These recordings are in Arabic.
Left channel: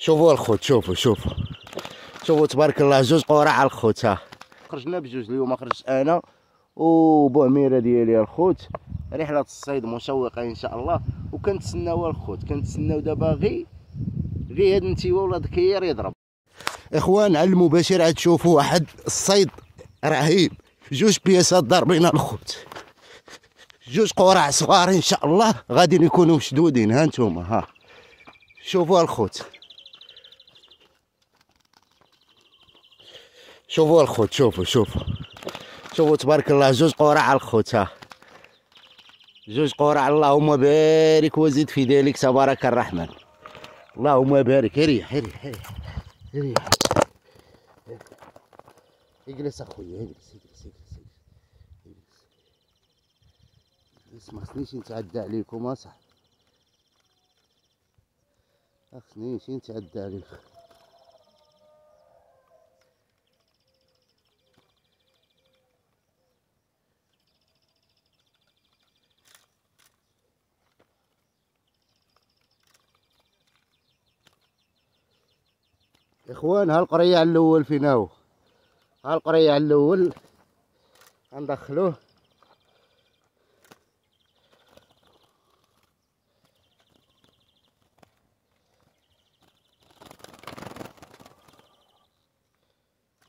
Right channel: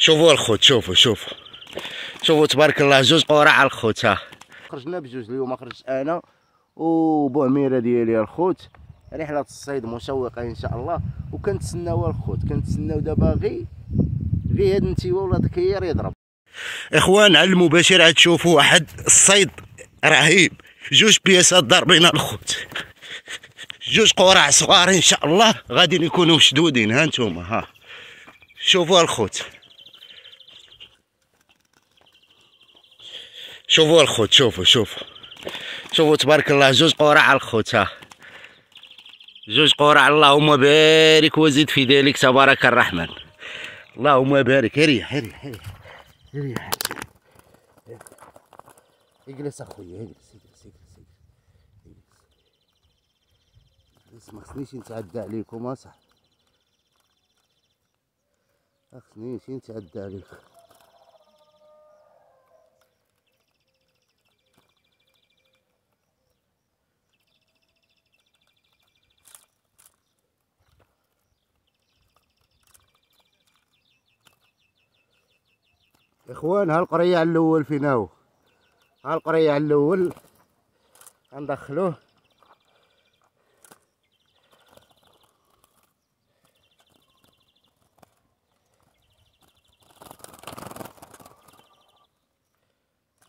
شوفوا الخوت، شوفوا تبارك الله، جوج قرع الخوت. ها خرجنا بجوج اليوم، خرجت انا وبوعميره ديالي الخوت. رحله الصيد مشوقه ان شاء الله، وكنتسناو الخوت، كنتسناو دابا غير هاد النتيوه ولا الكير يضرب. اخوان على المباشر عاد تشوفوا واحد الصيد رهيب، جوج بياسات ضاربين الخوت، جوج قرع صغار ان شاء الله غادي يكونوا مشدودين. ها نتوما، ها شوفوا الخوت، شوفوا الخوت، شوفوا تبارك الله، جوج قرع الخوت. ها جوج قرع، اللهم بارك وزد في ذلك تبارك الرحمن، اللهم بارك. ريح اجلس اخويا، اجلس. ما خصنيش نتعدى عليكم اصاحبي، ما خصنيش نتعدى عليكم. اخوان ها القريع الاول فينا هو، ها القريع الاول غندخلوه.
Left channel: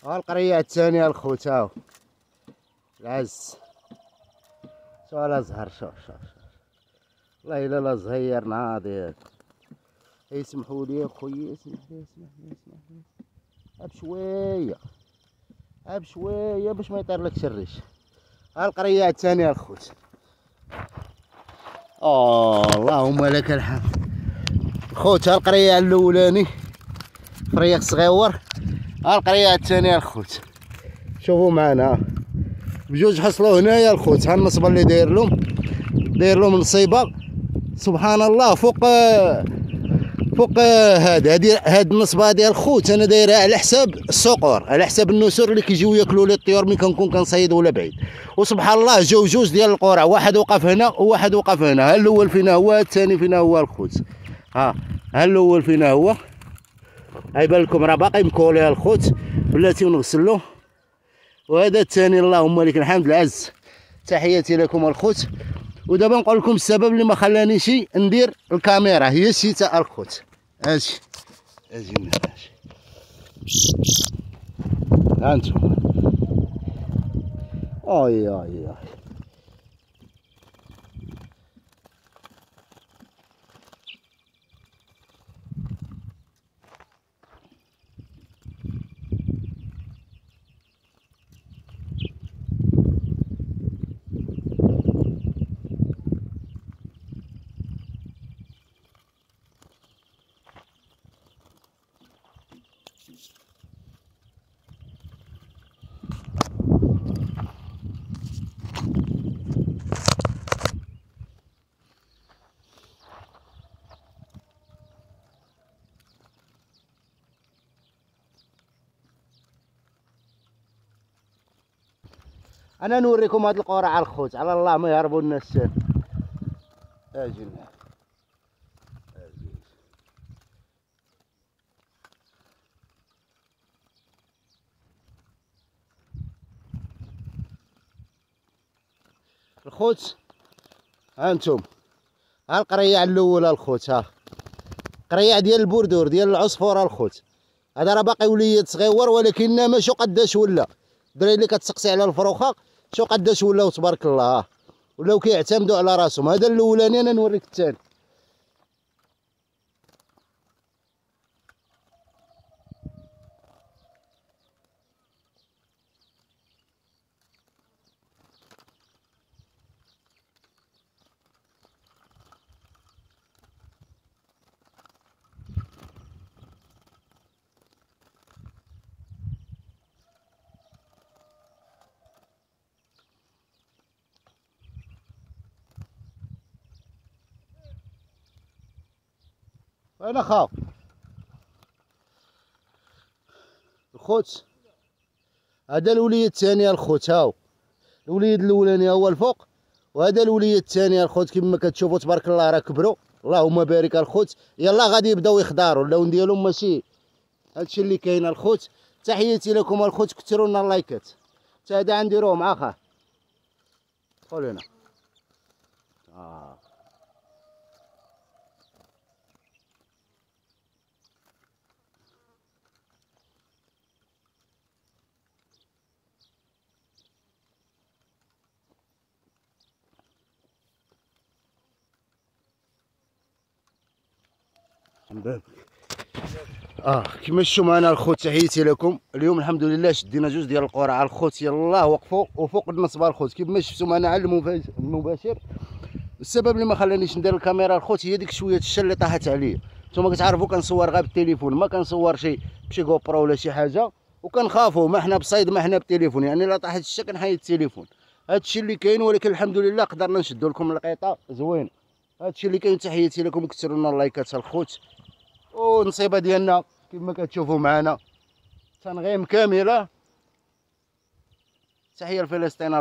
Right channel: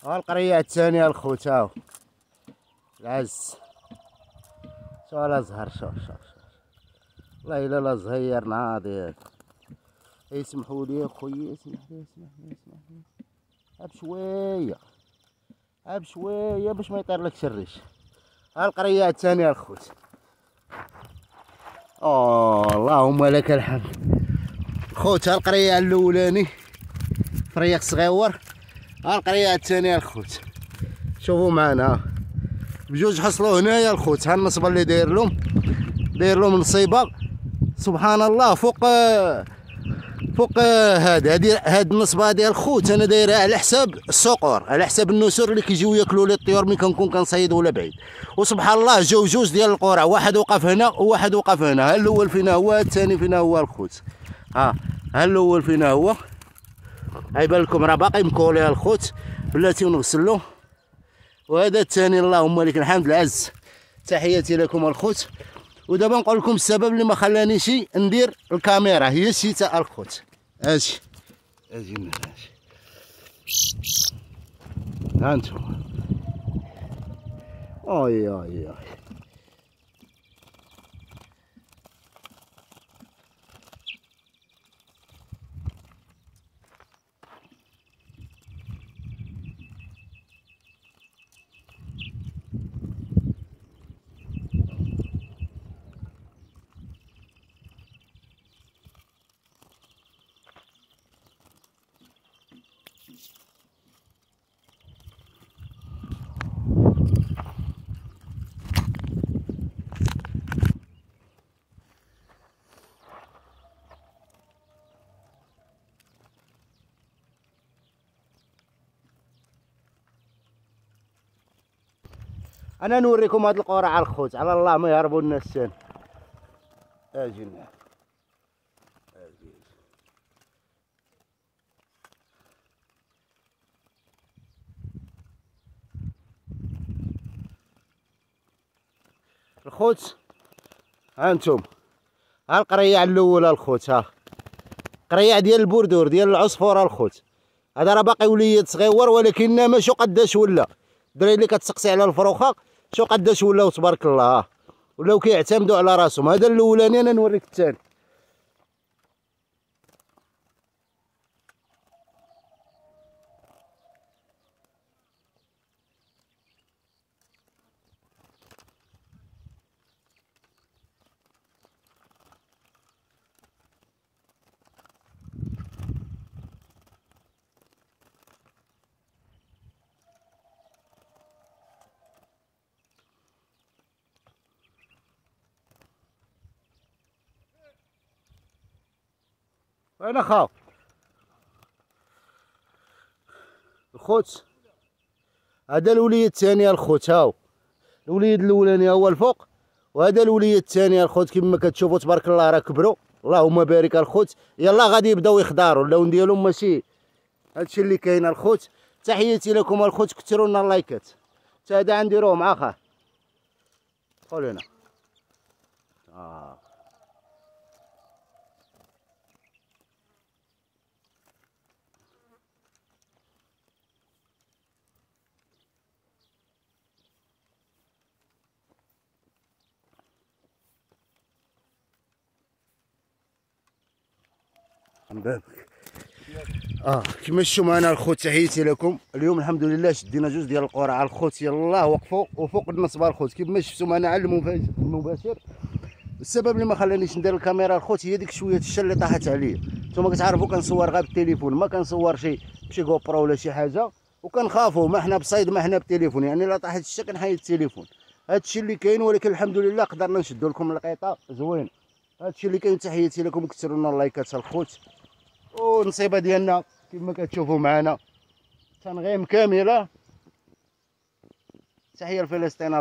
ها القريع الثاني الخوت، هاو العز. شوف لا زهر، شوف والله الا لا زهير ناضي. يسمحوا لي خويا، اسمح لي بشويه باش ما يطيرلكش الريش. ها القرية الثانية الخوت. اللهم لك الحمد الخوت. ها القرية الاولاني فريق صغيور، ها القرية الثانية الخوت. شوفوا معنا بجوج حصلوا هنايا الخوت. ها النصبة اللي داير لهم نصيبة سبحان الله فوق هاد النصبه ديال الخوت. انا دايرها على حساب الصقور، على حساب النسور اللي كيجيو ياكلوا لي الطيور ملي كنكون كنصيد ولا بعيد. وسبحان الله جاو جوج ديال القرع، واحد وقف هنا وواحد وقف هنا. ها الاول فينا هو، الثاني فينا هو الخوت. ها الاول فينا هو، غيبان لكم راه باقي مكولي الخوت، بلاتي ونغسلو. وهذا الثاني اللهم لك الحمد العز. تحياتي لكم الخوت. ودابا نقول لكم السبب اللي ما خلانيش ندير الكاميرا، هي الشتاء الخوت. اجي ها انتم. اي انا نوريكم هاد القرع الخوت، على الله ما يهربوا الناس ثاني. اجي الخوت. ها انتم، ها القريع الاول الخوت. ها قريع ديال البردور ديال العصفور الخوت. هذا راه باقي وليد صغيور، ولكن ما شو قداش ولا. الدراري اللي كتسقسي على الفروخه شو قداش ولاو تبارك الله، ولاو كيعتمدوا على راسهم. هذا الاولاني، انا نوريك الثاني. وين اخاف الخوت. هذا الوليد الثاني الخوت. هاو الوليد الاولاني هو الفوق، وهذا الوليد الثاني الخوت. كما كتشوفوا تبارك الله راه كبروا، اللهم بارك الخوت. يلا غادي يبداو يخضروا اللون ديالهم ماشي هادشي اللي كاين الخوت. تحياتي لكم الخوت، كثروا لنا اللايكات. تا هذا غنديروه مع خاه. دخل هنا. كيما شفتوا معنا الخوت، تحياتي لكم. اليوم الحمد لله شدينا جوج ديال القرعه الخوت، يلاه وقفوا وفوق النصبه الخوت كيما شفتوا معنا على المباشر. السبب اللي ما خلانيش ندير الكاميرا الخوت هي ديك شويه الشا اللي طاحت عليا. نتوما كتعرفوا كنصور غير بالتليفون، ما كنصور بشي غوبرو ولا شي حاجه، وكنخافوا ما حنا بصيد ما حنا بالتليفون، يعني الا طاحت الشا كنحيد التليفون. هادشي اللي كاين، ولكن الحمد لله قدرنا نشدوا لكم القطه زوين. هادشي اللي كاين. تحياتي لكم، كثروا لنا اللايكات الخوت. والنصيبه ديالنا كما كتشوفوا معنا تنغيم كامله. تحيه لفلسطين.